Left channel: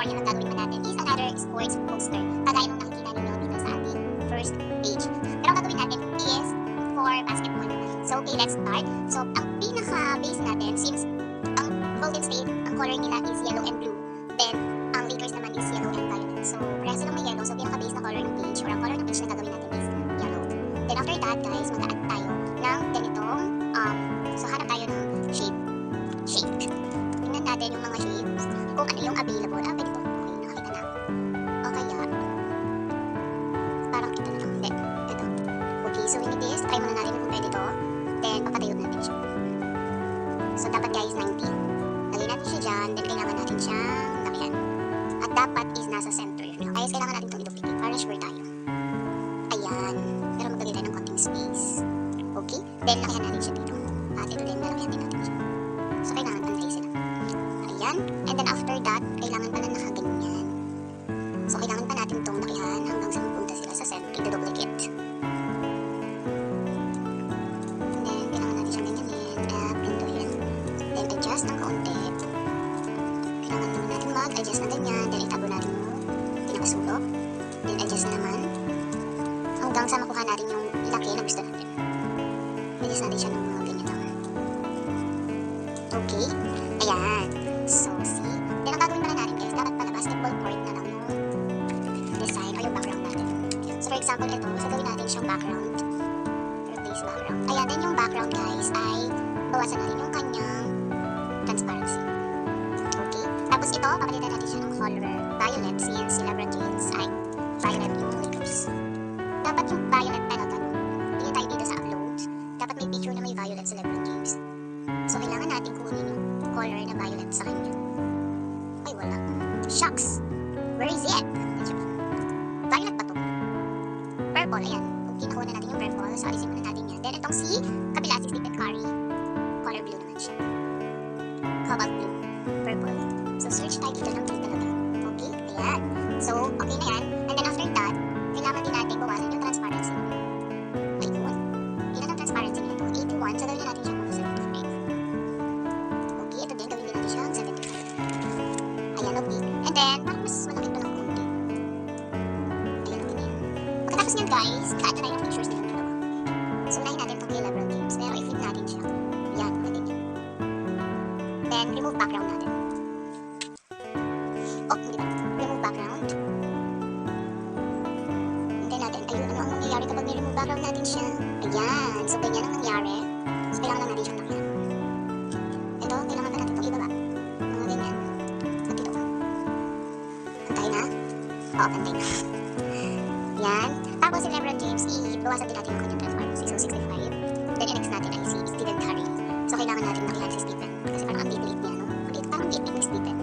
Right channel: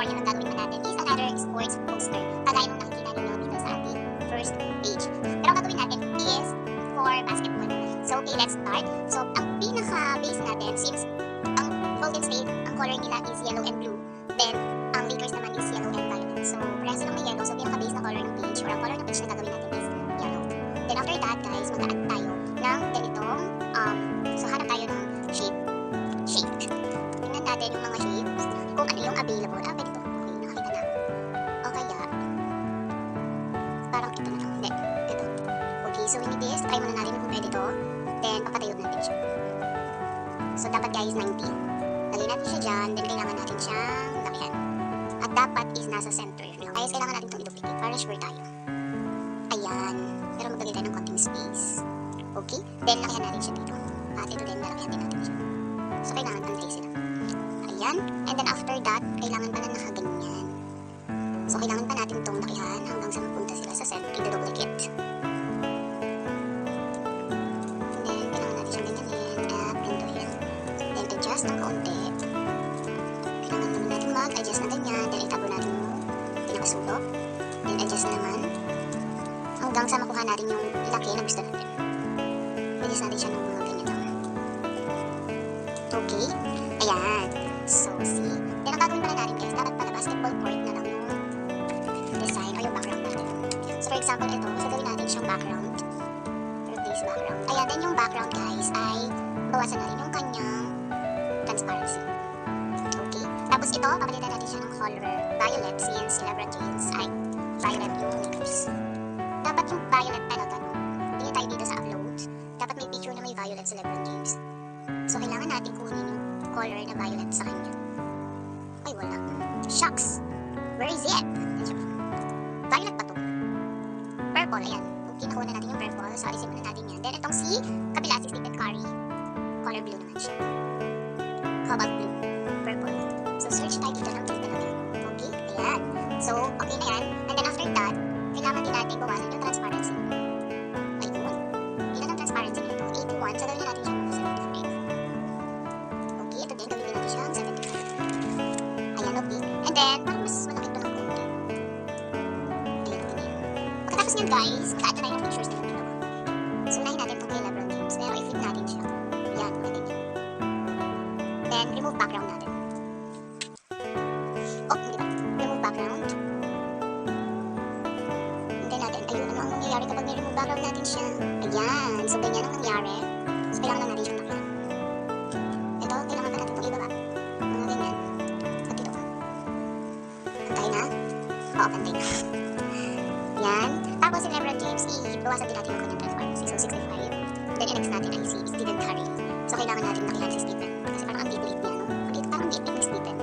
tutorial ang gagawin naman natin is another sports poster. Kagaya nung nakikita ninyo dito sa ating first page. Pero ang gagawin natin is for basketball naman. So, okay, let's start. So, ang pinaka-base natin, since ang Golden State, ang color nila is yellow and blue, then ang Lakers naman is yellow and violet. So, parehas lang may yellow. So, pinaka-base na color ng page or ang color ng page na gagawin natin is yellow. Then after that, guys, mag-add tayo ng ganitong, so hanap tayo ng shape. Tingnan natin yung mga shapes, kung ano yung available. Pwede to. Okay, nakakita na. O kaya, parang ito na lang. Hindi, ito. Okay, so we need this. Try muna natin kung pwede to. Then, papatayo natin siya. So, dapat guys, 90. Lagay natin siya dyan. Then, kailangan natin siyang lakihan. At dapat is nasa center. Kaya kailangan natin itong i-duplicate para sure tayo. Ayan. Pero maglagay tayo ng konting space. Okay? Then, lakihan natin siya dito. At ito din, lalakihan din natin siya. So, kailangan unface sila. Ayan. And then, after that, kailangan pala nakaganyan. So, kailangan pa natin itong lakihan hanggang sa mapunta sila sa center. I-duplicate. And then, kailangan natin siyang ganyanin at pintuhin. Then, adjust ng kaunti. Kailangan naman natin mag-adjust na ganyan. Then, itago natin yung pinakasulok. Then, adjust na naman. Hanggang sa makuha natin yung laki na gusto natin. Adjust natin siya ng mga ganyan naman. Okay? Ayan. So, see? Then, ang gagawin pala natin guys, dapat pala basketball court na lang yung design o yung background natin. So, for example, ito, so gawin natin siyang background. Replace background. Ayan, then yung background guys ay bawasan na rin yung kanyang transparency. Okay? Tapos ito, papalitan natin siya ng color violet since si LeBron James ay violet yung Lakers. Dapat yung violet talaga, no? Tingin tayo dito sa uploads. Dapat may picture na may violet si LeBron James. So, kailangan natin kunin yung color na violet sa kanya. Ay, wala. Shucks! Where is it? Violet pa to. Purple, ayan. Okay, nakuha na natin yung purple. So, alisin muna natin yan. Then, itong si kabila, si Stephen Curry. Color blue naman siya. Cobalt blue. Purple. So, search tayo dito ng blue talaga. Okay, ayan. So, okay na yan. And then, after that, kailangan din natin bawasan yung transparency. Ayun. Ilan ang transparency nito? 81. So, gawin na natin siya mga 75. Okay, ito din. Gawin din natin siya 75. Ayan, okay. And then, parang mas malaki ito ng konti. Ayan, okay na yan. Pagkatapos niyan, guys, ka-add na tayo ng pictures nila dalawa. So, unahin natin itong kay LeBron James. Pero, i-flip natin siya. Ayan, okay din yun. Then, remove background natin. Oh, hindi ba? Remove background. Natin, ayun, ano ang nangyayari kapag may-remove background natin siya. Ayan, so ganyan ang nangyari. So kailangan lang natin siyang lakihan. Ito, kailangan pa natin itong ibaba. Mga ganyan. At dito ka. Pantay na? Oo, pantay na. Yan. Tapos si LeBron James, i-bawasan din natin yung kanyang transparency. So 65. Then i-next natin ay si Stephen Curry. So kailangan natin lakihan si Stephen. Kasi parang ang liit-liit niya, no? Parang ang liit-liit ni Stephen.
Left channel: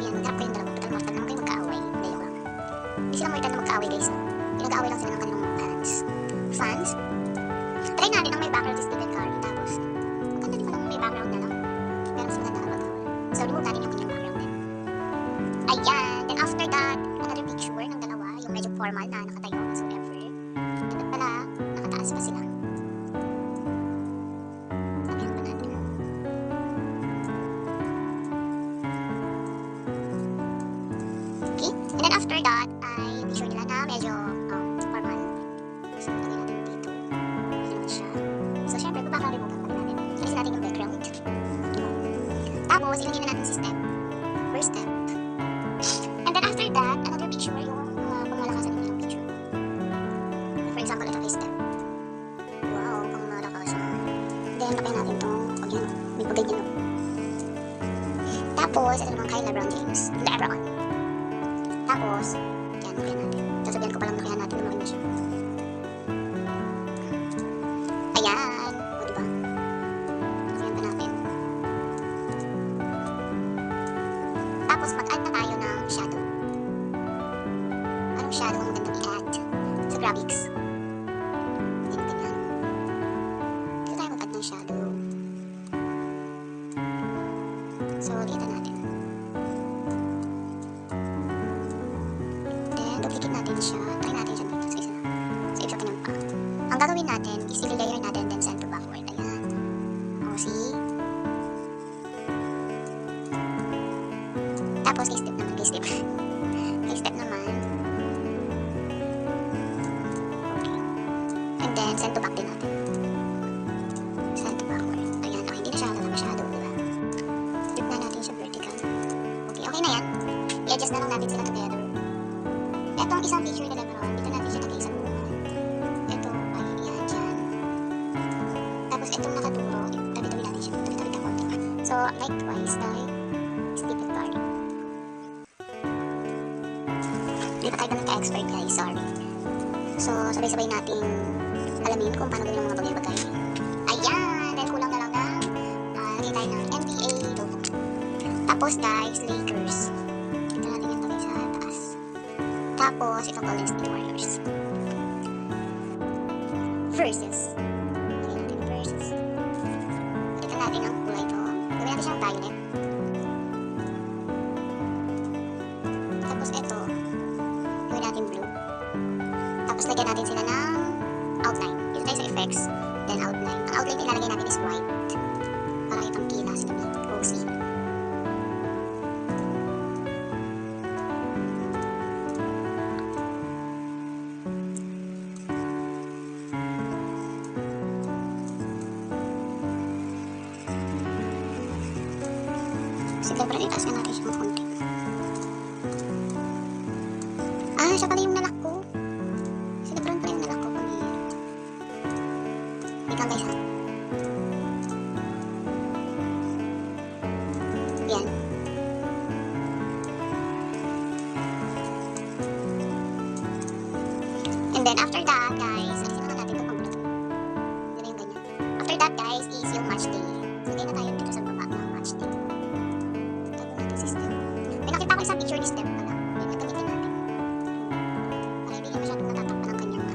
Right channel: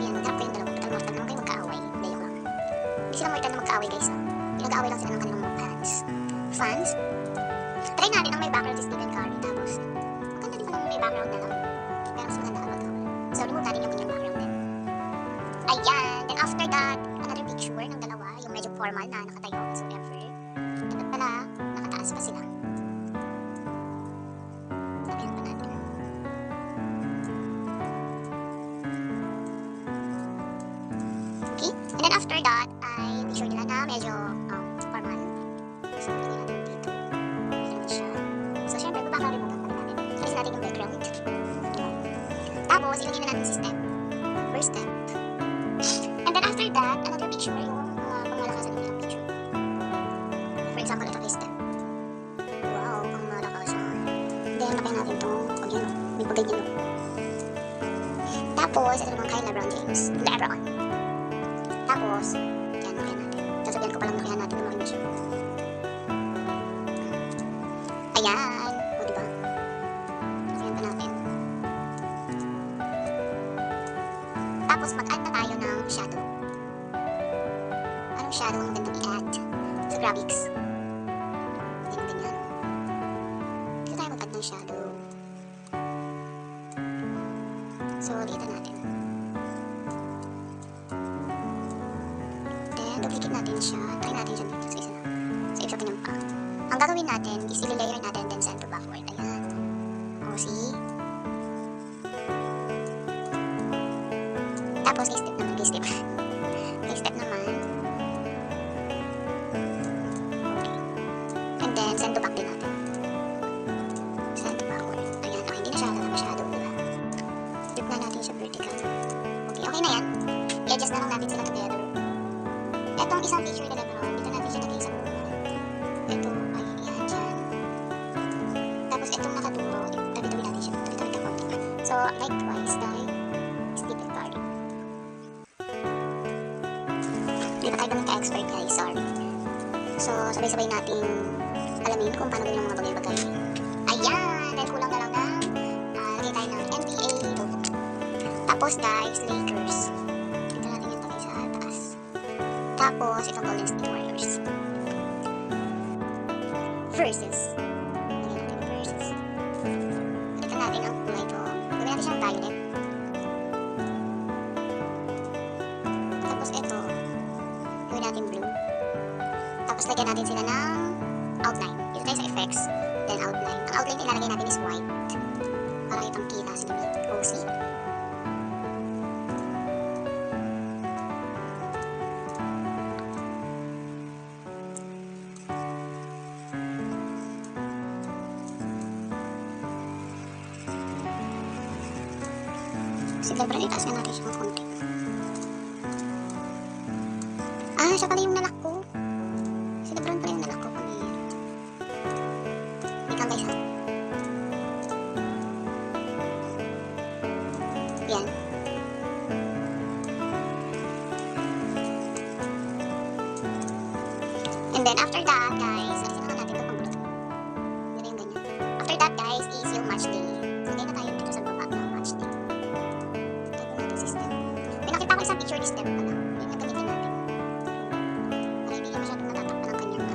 Ayan, mag-trap kayong dalawa. Total mortal naman kayo magkaaway. Layo lang. Hindi sila mortal na magkaaway, guys, ha? Nag-aaway lang sila ng kanilang mga fans. Fans? Try natin ang may background si Stephen Curry. Tapos, maganda din palang may background na lang. Pero mas maganda kapag away. So, remove natin yung kanyang background din. Ayan! Then after that, another picture ng dalawa. Yung medyo formal na nakatayo. So, ever. Dapat pala, nakataas pa sila. Sabihan pa natin. Okay? And then after that, ay picture nila na medyo formal. So, lagay natin dito. Ganun siya. So, syempre, background remove natin natin. Alisin natin yung background. Tapos, ilagay na natin si step. First step. And then after that, another picture yung pangmalakasan ng picture. For example, ito kay step. Wow, pangmalakasan. Then, lagay natin itong pag yan. May pagganyan no. Tapos, ito naman kay LeBron James. LeBron. Tapos, yan, lagyan natin. Sasabihan ko palang lagyan natin na makina siya. Ayan. O, diba? Lagyan pa natin. Tapos, mag-add na tayo ng shadow. Anong shadow ang magandang i-add? Sa graphics. Hindi na ganyan. Dito tayo mag-add ng shadow. So, liitan natin. Duplicate natin siya. Try natin siya dito sa isa na. Sa isa kanyang pa. Ang gagawin natin is i-layer natin then send to backward. Ayan. O, see? Tapos, i-step naman kay step. Kay step naman. Okay. And then, send to back din natin. Send to backward. Ayan, okay, hindi na siya masyado, diba? Flip na natin siya vertical. Okay, okay na yan. I-adjust na lang natin sila together. Etong isang feature na Lebron, dito natin siya lagay sa buwan. Ito, ay, yan, dyan. Tapos itong nakaturo, tabi-tabi natin siya. Tabi-tabi ka konti. So, likewise, tayo, split it card. Hindi pa tayo ganun ka-expert, guys, sorry. So, sabay-sabay natin alamin kung paano gawin ang mga bagay-bagay. Ayan! Then, kulang na lang ng lagay tayo ng NBA logo. Tapos, guys, Lakers. Dito natin yung lagay sa taas. Tapos, itong Golden State Warriors. Versus. Lagay natin yung versus. Balikan natin ang kulay ito. Gawin natin siyang violet. Tapos, ito. Gawin natin blue. Tapos, lagyan natin sila ng outline. Dito tayo sa effects. Then, outline. Ang outline na ilalagay natin is white. Para itong kilas ni OC. Si Lebron, itaas nga natin siya ng konti. Ah, siya pala yung nalak ko. Si Lebron pala yung nalak ko. Wait lang guys ha. Yan. And then after that guys, alisin na natin ito pang bulot. Hindi na yung ganyan. After that guys is yung match day. So, hindi na tayo dito sa baba ng match day. Tago natin si step. May nakita ko isang picture ni step pala. Yun yung gamitin natin. Para hindi niya masyadong natatakpan ng kanyang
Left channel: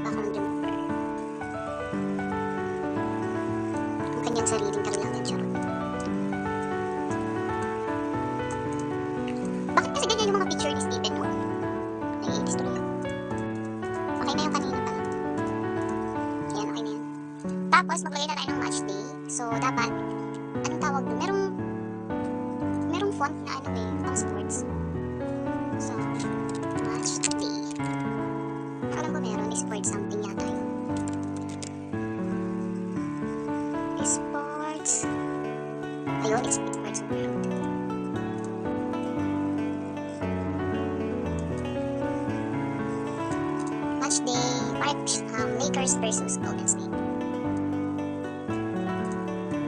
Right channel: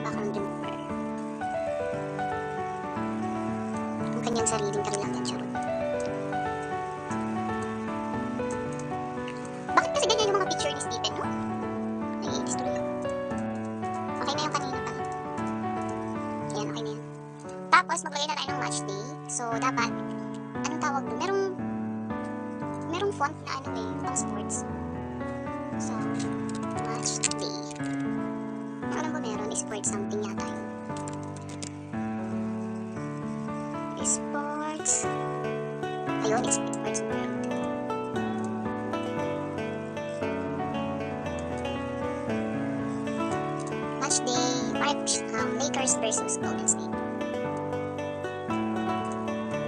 background remover. Ang kanyang sariling kailangan charot. Bakit kasi ganyan yung mga picture ni Stephen, no? Naiitis tuloy ako. Okay na yung kanina pala. Yan, okay na yan. Tapos, maglagay na tayo ng match day. So, dapat, anong tawag doon? Merong font na ano eh, pang sports. So, match day. Ang alam ko meron, sport something yata yun. Sports. Ayun, it's sports world. Match day, Lakers versus Golden State.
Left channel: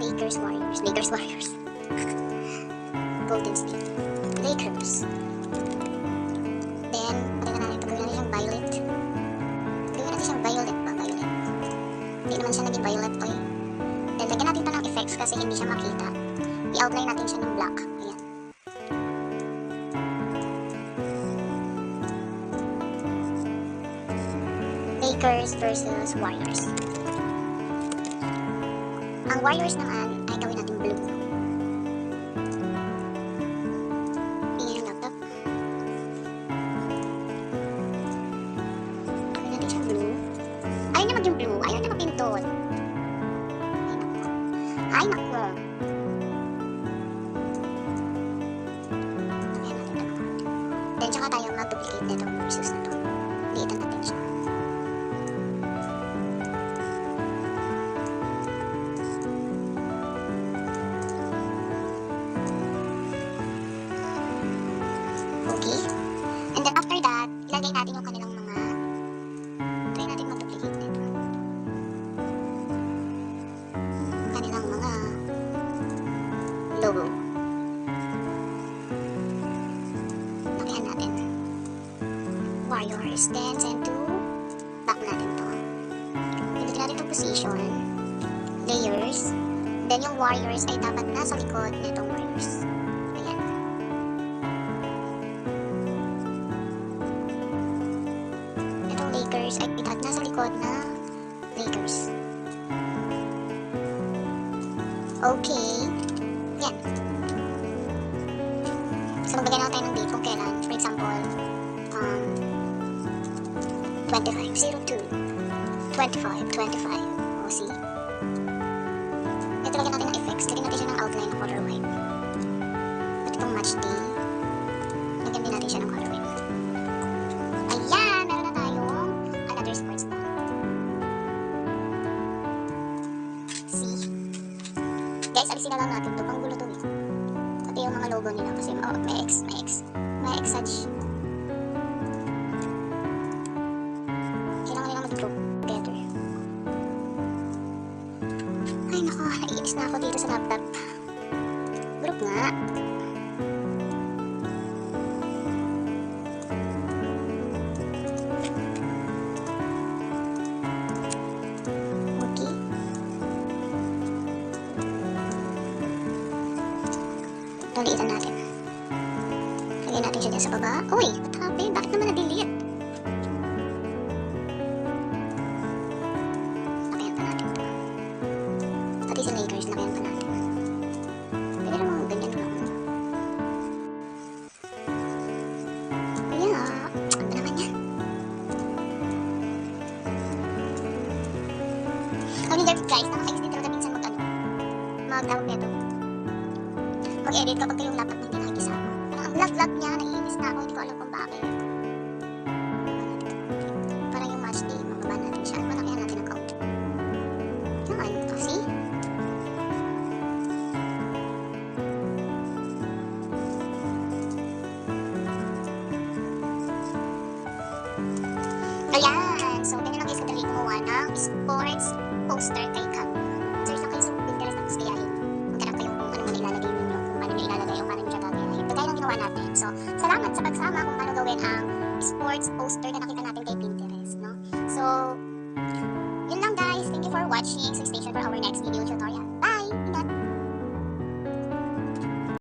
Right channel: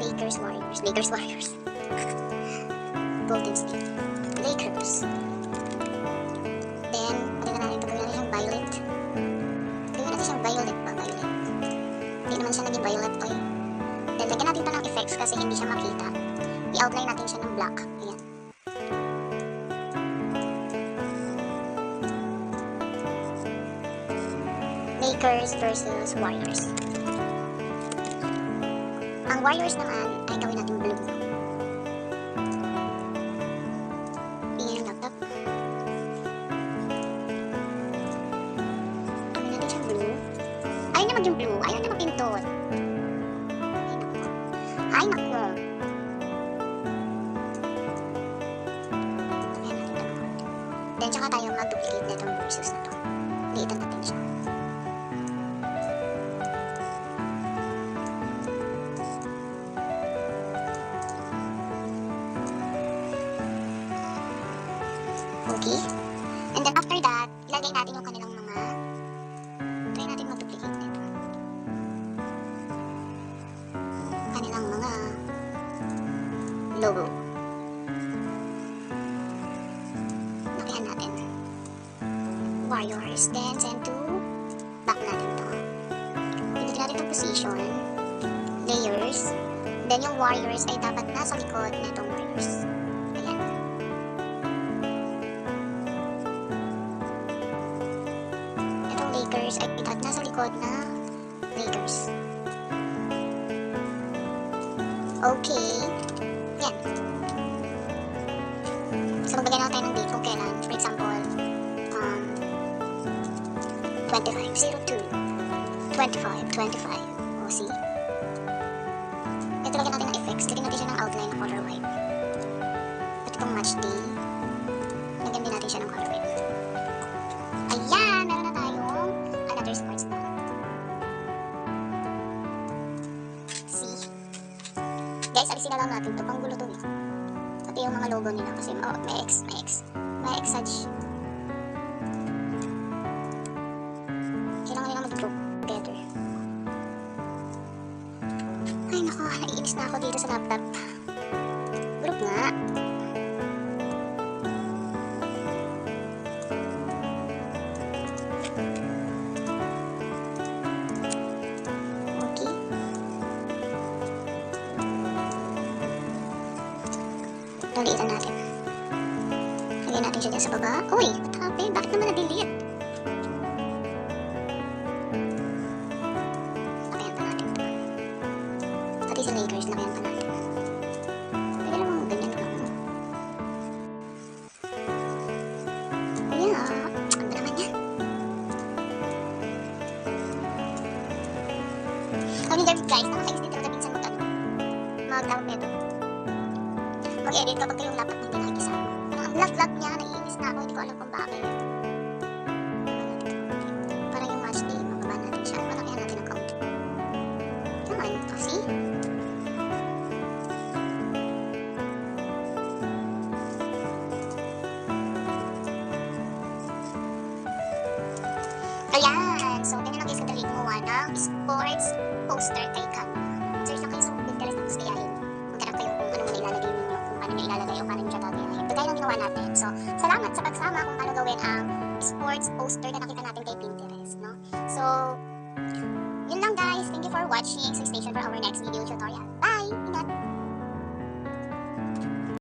Lakers Warriors. Golden State. Lakers. Then, pagkita natin ito, gawin natin siyang violet. Gawin natin siyang violet ba? Violet. Hindi naman siya naging violet to eh. Then, lagyan natin ito ng effects kasi hindi siya makita. I-outline natin siya ng black. Ayan. Lakers versus Warriors. Ang Warriors naman ay gawin natin blue. Tingnan yung laptop. Gawin natin siyang blue. Ayaw niya mag yung blue. Ayaw niya magpindot. Ay nako. Lagyan natin ito ng konti. Then tsaka tayo mag-duplicate na itong versus na ito. Liitan natin siya. Okay. And then after that, ilagay natin yung kanilang mga try natin mag-duplicate nito. Kanilang mga logo. Lakihan natin. Warriors. Then send to back natin to. Pilitin natin itong position. Layers. Then yung Warriors ay dapat nasa likod nitong Warriors. Ayan. Lakers ay dapat nasa likod na Lakers. Okay. Yan. So, magbigay na tayo ng date kung kailan. For example, 25, 02, 25, 25. O, see? Ito lagyan natin ng effects. Lagyan natin siya ng outline na color white. itong match day. Lagyan din natin siya ng color wheel. Ayan! Meron na tayong another sports ball. See? Guys, alisin na lang natin to. Panggulo to eh. Pati yung mga logo nila kasi may X-edge. Kailangan nila mag-group together. Ay nako, naiinis na ako dito sa laptop. Group nga. Okay. Laliitan natin. Lagyan natin siya dyan sa baba. Uy, what happened? Bakit naman na-delete? Lakayan pa natin ito. Pati sa Lakers, lakayan pa natin. Pwede namang ganyan lang. Ayan, ano ba naman yan? Kami David guys, nakakais din talaga minsan mag-tawag nito. Mag-edit kapag kayong laptop na hindi nakikisama. Parang ang lag-lag niya, naiinis na ako, hindi ko alam kung bakit. Parang yung match day, mababa natin siya. Malakihan natin ang count. Yan, see? Ayan, so ganyan lang guys kadali gumawa ng sports poster kay Cam. Search lang kayo sa Pinterest tapos gayahin. Maghanap kayo kung ano muna ilalagay ninyo, kung paano nyo ilalagay o paano nyo siya gagayahin. Kagaya lang ginawa natin. So, salamat sa pagsama kung paano gawin ang sports poster na nakita natin kay Pinterest, no? So, yun lang guys. Thank you for watching. So, stay tuned for our next video tutorial.